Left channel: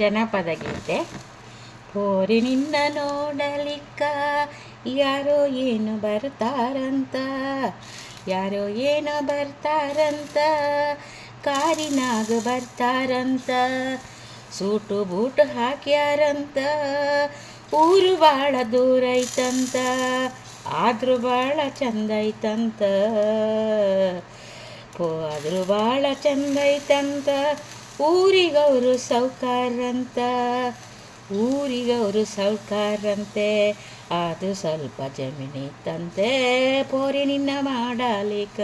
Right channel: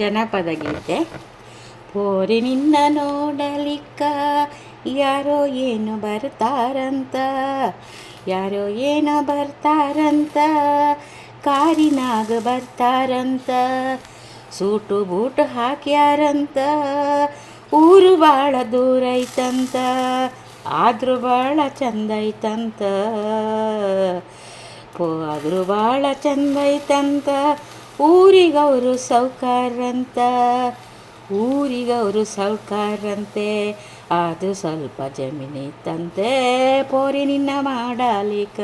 ಜನಪದ ಗೀತೆ. ಹೋರಿ ನಿನ್ನ ನೋಡಲಿಕ್ಕ ಯಾರೋ ಏನು ಬರ್ತಾರಂತ, ಯಾರೋ ಏನೋ ಬರ್ತಾರಂತ, ಕಾರಿನಾಗ ಬರ್ತಾರಂತ, ಸೂಟು ಬೂಟು ಹಾಕ್ಯಾರಂತ, ಊರು ಭಾಳ ದೂರ ಐತಂತ, ಆದರೂ ಭಾಳ ಚಂದ ಐತಂತ, ಆದರೂ ಭಾಳ ಚಂದ ಐತಂತ, ಊರಿಗವರು ಸೌಕಾರಂತ, ಊರಿಗವರು ಸೌಕಾರಂತೆ, ಅದು ಸ್ವಲ್ಪ ಜಮೀನಿತ್ತಂತೆ, ಪೋರಿ ನಿನ್ನ ಮಾಡಲಿಕ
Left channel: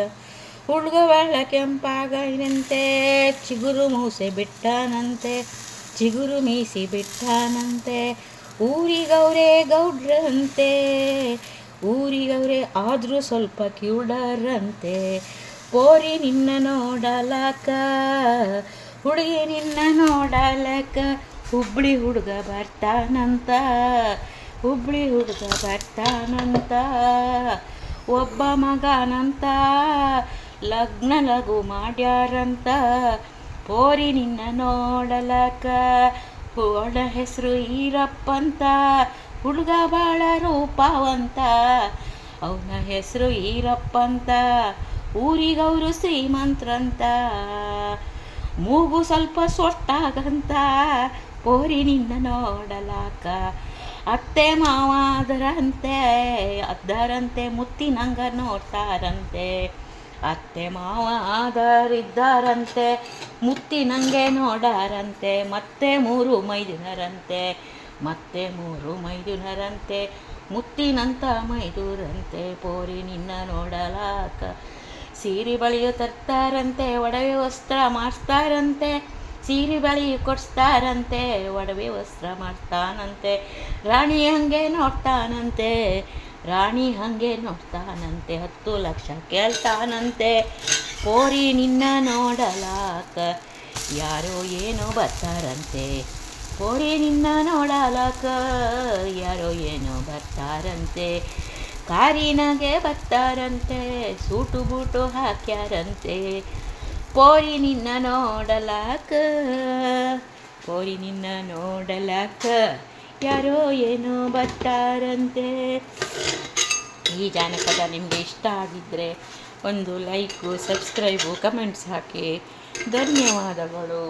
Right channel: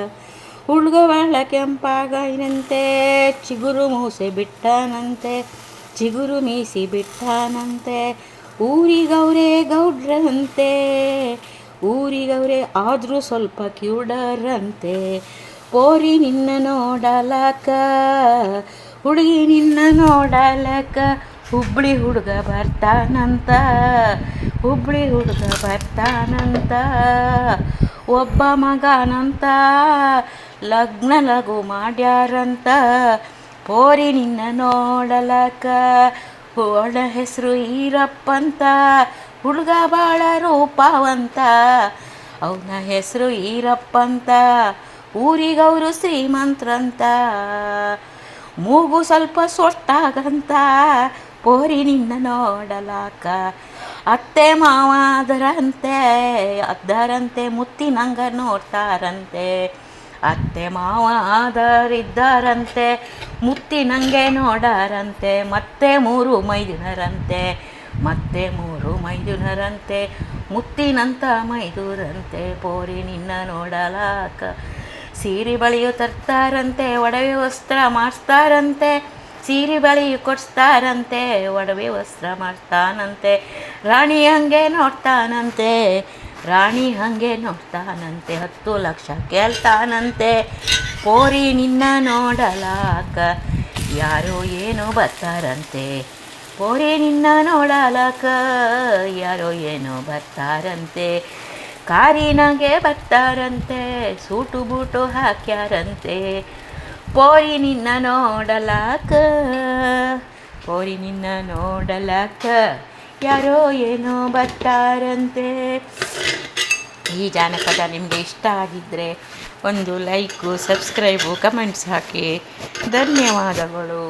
ಹುಡುಗ ಭಾಳ ಕೆಂಪಾಗೈನಂತೆ, ಚಿಗುರು ಮೂಸೆ ಬಿಟ್ಟಾನಂತೆ, ಚಿಗುರು ಮೀಸಿ ಬಿಟ್ಟಾನಂತೆ, ಊರಿಗವರೇ ಗೌಡ್ರಂತೆ, ಊರಿಗವರೇ ಆದರೂ ಸ್ವಲ್ಪ ಕಿವುಡರಂತೆ, ಪೋರಿ ನಿನ್ನ ನೋಡಲಕ, ಹುಡುಗಿ ನಿನ್ನ ನೋಡಲಕ, ಹುಬ್ಬಳ್ಳಿ ಹುಡುಗ ಬರ್ತಾನಂತ, ಹುಬ್ಬಳ್ಳಿ ಹುಡುಗ ಬರ್ತಾನಂತ, ಒಬ್ಬ ಮಗನಂತ, ಲಗ್ನ ಲಘು ಮಾಡ್ಯಾರಂತ, ಪೋರಿ ನಿನ್ನ ನೋಡಲಕ, ಅವನ ಹೆಸರು ಈರಪ್ಪಂತ, ಹುಡುಗ ಭಾಳ ರೂಪವಂತ, ಅವನ ಹೆಸರು ಈರಪ್ಪಂತ, ಊರಿಗವರು ಶ್ರೀಮಂತ್ರಂತ, ಮೂಗು ಸ್ವಲ್ಪ ಸೊಟ್ಟಾಗಂತ, ಪೋರಿ ನಿನ್ನ ನೋಡಲಾಕ, ಅತ್ತೆ ಮಾವ ಅದರಂತೆ ಮುತ್ತಿನಂಗ ನೋಡ್ತಾರಂತೆ, ಅತ್ತೆ ಮಾವ ಆದರಿದ್ದಾರಂತೆ, ಮುತ್ತಿನಂಗೆ ನೋಡಾರಂತೆ, ಮತ್ತೆ 3 ಮೈದುನರಂತೆ, ಮತ್ತೆ 3 ಮೈದುನರಂತೆ, ಮುತ್ತಿನಂತ ಮೈದೂರಂತೆ, ಪೋರಿ ನಿನ್ನ ನೋಡಲಾಕ, ಸೀರೆ ಬಳಿಯು ತರ್ತಾರಂತೆ, ಒಡವೆ ವಸ್ತ್ರ ಮಾಡಿಸ್ತಾರಂತೆ, ಸೀರೆ ಬಳಿಯು ಕೊಡಿಸ್ತಾರಂತೆ, ಒಡವೆ ವಸ್ತ್ರ ಮಾಡ್ತಾನಂತೆ, ರಾಣಿ ಹಂಗೆ ನೋಡ್ತಾನಂತೆ, ರಾಣಿ ಹಂಗೆ ನೋಡ್ತಾನಂತೆ, 10 ಲಕ್ಷ ಕೇಳ್ತಾನಂತೆ, ಪೋರಿ ನಿನ್ನ ನೋಡಲಾಕ ಯಾರೋ ಏನೋ ಬರ್ತಾರಂತೆ, ಪೋರಿ ನಿನ್ನ ನೋಡಲಾಕ ಯಾರೋ ಏನೋ ಬರ್ತಾರಂತೆ, ಕಾರಿನಾಗೆ ಬರ್ತಾರಂತೆ, ಸೂಟು ಬೂಟು ಹಾಕ್ಯಾರಂತೆ, ಪೋರಿ ನಿನ್ನ ನೋಡಲಾಕ, ಪೋರಿ ನಿನ್ನ ನೋಡಲಾಕ ಯಾರೋ ಏನೋ ಬರ್ತಾರಂತೆ. ಈ ಜಾನಪದ ನಿಮಗೆ ಇಷ್ಟ ಆಗಿದ್ದರೆ ಒಂದು ಲೈಕು, ಸಬ್ಸ್ಕ್ರೈಬು, ಕಮೆಂಟ್ಸ್ ಹಾಕಿ. ಧನ್ಯವಾದಗಳು.